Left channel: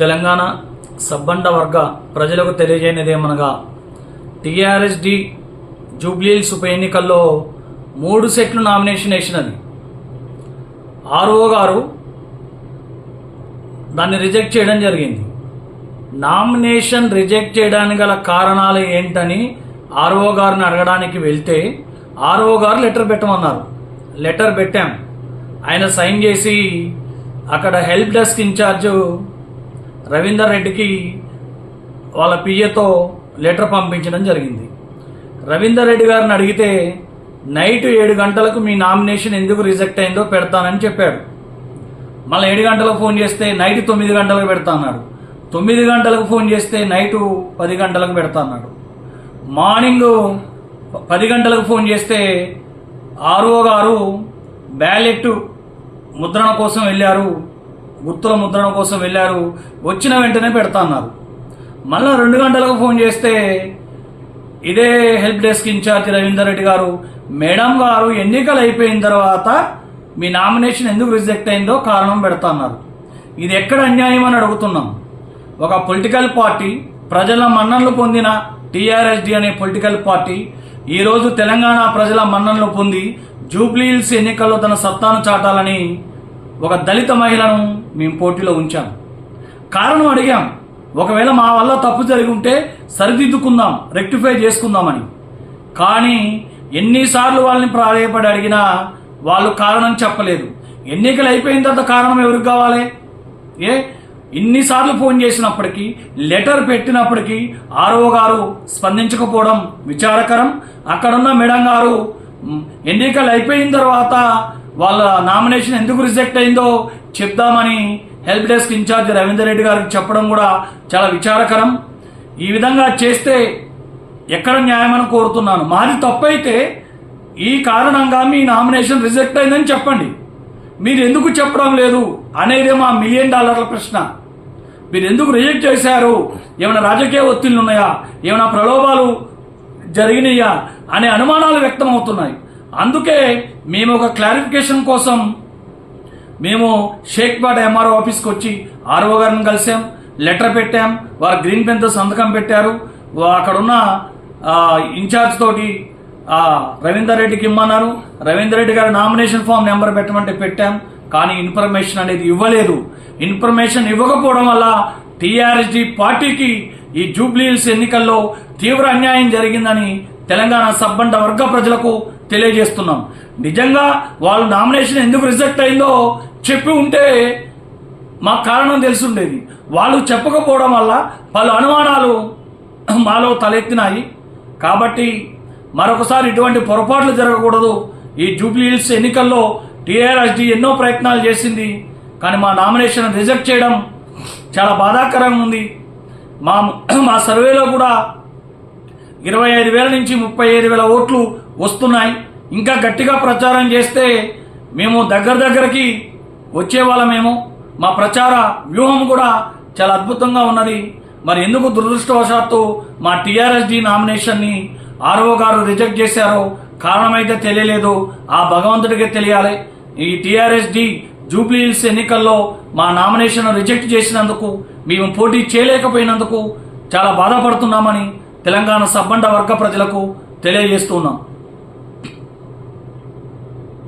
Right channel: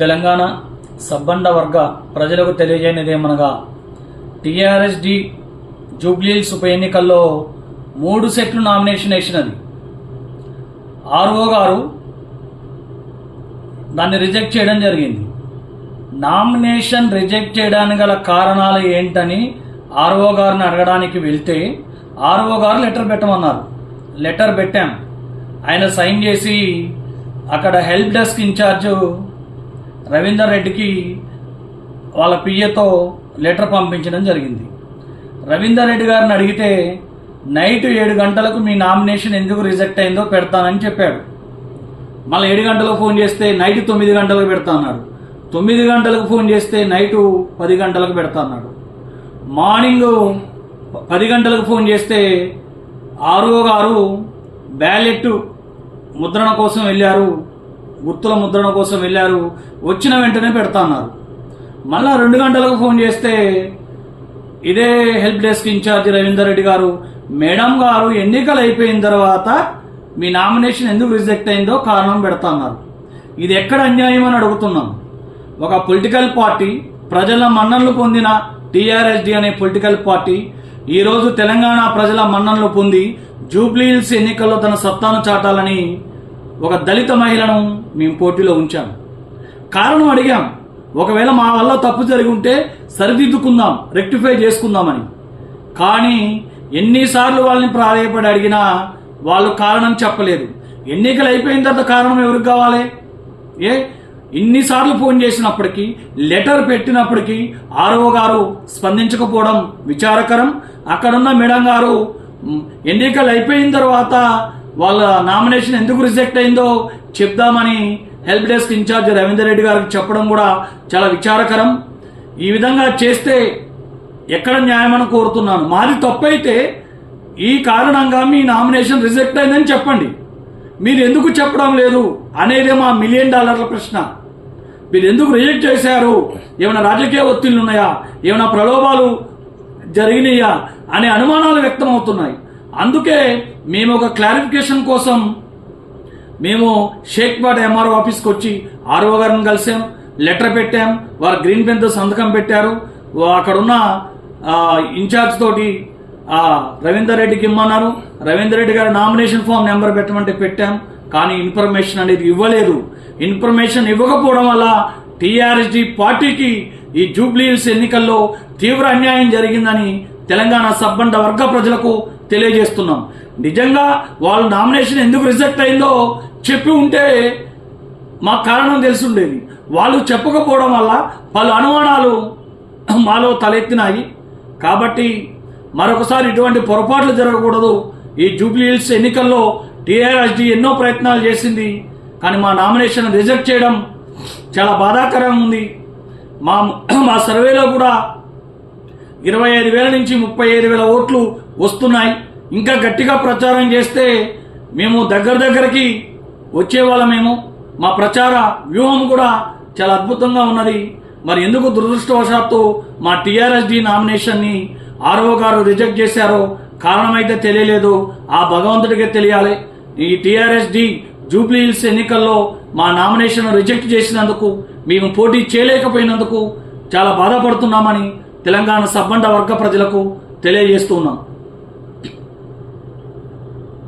తెలంగాణ సబ్బండ వర్గ ప్రజలకు తెలియజేయనిదేమనగా టీఆర్ఎస్డి జూబ్లీహిల్స్ ఉప ఎన్నికల్లో 3 సెట్లు నామినేషన్ వేసినది. ఆర్ఓ గారు దాన్ని రిజెక్ట్ చేయడం జరిగింది. నామినేషన్ రిజెక్ట్ చేయడానికి గల కారణాలు ఏంటని ఆర్ఓ గారిని అడగడానికి వెళ్తే ఆర్ఓ గారు లెటర్ పెట్టమన్నారు. లెటర్ పెట్టాం. ఆయన సైన్ చేసి అక్కడ హెల్ప్ డెస్క్ ఇన్ఛార్జ్ రవీందర్ రెడ్డికి వాళ్ళ పిఏతో లెటర్ పంపించడం జరిగింది. రవీందర్ రెడ్డి గారిని అడిగితే నైట్ 7 గంటలకు మీ నామినేషన్ ఎందుకు రిజెక్ట్ అయిందో పెడతానని చెప్పాడు. మళ్ళీ 7 గంటలకు ఫోన్ చేస్తే నైట్ 9 గంటలకు పెడతా అన్నాడు. 9 గంటలకు ఫోన్ చేస్తే నైటు 10 గంటలకు పెడతా అన్నాడు. మార్నింగ్ 10 గంటలకు ఫోన్ చేస్తే ఆర్ఓ గారు బ్యాలెట్ ముద్రణ కోసం వెళ్ళారు, గుర్తుల ముద్రణ కోసం వెళ్ళారు, వచ్చిన వెంటనే పెడతా అన్నారు. మళ్ళా 2 గంటలకు ఫోన్ చేస్తే ఇదే help desk incharge Ravinder Reddy గారు, మేడం గారు ఎన్నికలు అయిపోయిన తర్వాత మీ నామినేషన్ ఎందుకు రిజెక్ట్ అయిందో కారణం పెడతా అన్నారు. ఇది ఎక్కడ అన్యాయం అని అడుగుతున్నాం. ఒక పొలిటికల్ పార్టీ, ప్రజల మన్ననలు పొందిన టీఆర్ఎస్డి అనే పొలిటికల్ పార్టీ ఈరోజు తెలంగాణ ప్రజల మన్ననలు పొంది జూబ్లీహిల్స్ ఎన్నికల్లో తన సత్తాను చాటాలని ఒక దళిత మహిళను మేము పోటీలో ఉంచాం. కారణం అడిగాం. ఒకవేళ మా వల్ల తప్పు జరిగి ఉంటే సరిదిద్దుకుందాం, రెక్టిఫై చేసుకుందామని. కానీ ఎన్నిసార్లు వాళ్ళని ప్రాధాయపడి అడిగినా వాళ్ళు కారణం చెప్పలేదు. ఎన్నికలు అయిపోయిన తర్వాత కారణం ఎవరికి కావాలి? ఇన్నిసార్లు ఫోన్ చేసినప్పటికీ, లెటర్ పెట్టినప్పటికీ ఆర్ఓ గారు స్పందించకపోవడం విచారకరం. అక్కడున్న మేడం గారు ఎన్నికలు అయిపోయిన తర్వాత వాళ్ళ నామినేషన్ ఎందుకు రిజెక్ట్ అయిందో చెప్దామని help desk incharge Ravinder Reddy గారికి చెప్పడం కూడా చాలా విచారకరం. ఈ విధంగా చేస్తే ఎక్కడ న్యాయమని కోరుతున్నాను. మాది తప్పైతే ఈ కారణంగా మీ నామినేషన్ రిజెక్ట్ అయిందని చెప్పండి. మీరు ఎందుకు చెప్పడం లేదు అనేదే మా $1 మిలియన్ ప్రశ్న. మీరు ఎందుకు రిజెక్ట్ చేశారు? ఏమైనా రాజకీయ ఒత్తిళ్లు ఉన్నాయా? ఏమైనా ప్రలోభాలు జరిగినాయా అనే అనుమానాలు వ్యక్తం అవుతున్నాయి. అందుకే మేము ఒక క్లారిఫికేషన్ కోసం మేము షేక్పేట ఎంఆర్ఓ ఆఫీస్కి వచ్చి ఆర్ఓ గారిని కలిసాం, లెటర్ పెట్టాం. వారు గ్రీన్ పెన్ తో సంతకం పెట్టారు. అక్కడున్న ఇన్ఛార్జ్ తోటి రవీందర్ రెడ్డికి ఇమ్మన్నారు. రవీందర్ రెడ్డి గారు నామినేషన్ ఫామ్ నెంబర్ పెట్టమంటే పెట్టాం. కానీ ఇన్ఫర్మేషన్ అనేది ఇవ్వలేదు. ఇన్ఫర్మేషన్ ఇవ్వకపోవడం వల్ల టీఆర్ఎస్డి పార్టీకి ఈ జూబ్లీహిల్స్ ఎన్నికల్లో తీవ్ర అన్యాయం జరిగిందని తెలంగాణ సబ్బండ వర్గ ప్రజలకు తెలియజేస్తున్నాం. నిజంగా వాళ్ళు నామినేషన్ ఎందుకు రిజెక్ట్ అయిందో చెప్పి ఉంటే మా కారణం తెలిసి ఉండేది. వాళ్ళు చెప్పకపోవడం వల్ల పలు అనుమానాలు మాలో తలెత్తినాయి. కాబట్టి మరొకసారి ఇటువంటి పొరపాట్లు జరగకూడదు. ఈ జూబ్లీహిల్స్ ఎన్నికల్లో టీఆర్ఎస్డి ఎన్నో ప్రయత్నాలు చేసింది, కానీ మా నామినేషన్ రిజెక్ట్ చేయడం చాలా బాధాకరంగా ఉంది. మా సర్వేలో కూడా 25,000 నుంచి 35,000 ఓట్లు వస్తున్నాయి. ఇంకా గట్టిగా ప్రచారం చేస్తే మేము దగ్గరకి వచ్చేవాళ్ళమేమో. మా ప్రచార వ్యూహం కూడా చాలా అద్భుతంగా ఉన్నది. మరి ఎందుకు దురదృష్టవశాత్తు మా టీఆర్ఎస్డి నామినేషన్ ని ఆర్ఓ గారు రిజెక్ట్ చేశారో కారణమైతే తెలియలేదు. ఆ భగవంతుడికే తెలియాలి. ఈ టీఆర్ఎస్డి జూబ్లీహిల్స్ ఎన్నికల్లో మా నామినేషన్ రిజెక్ట్ చేసినందుకు, మేము పోటీ చేయలేకపోయినందుకు చాలా బాధపడుతున్నామని తెలంగాణ సబ్బండ వర్గ ప్రజలకు తెలియజేస్తున్నాం.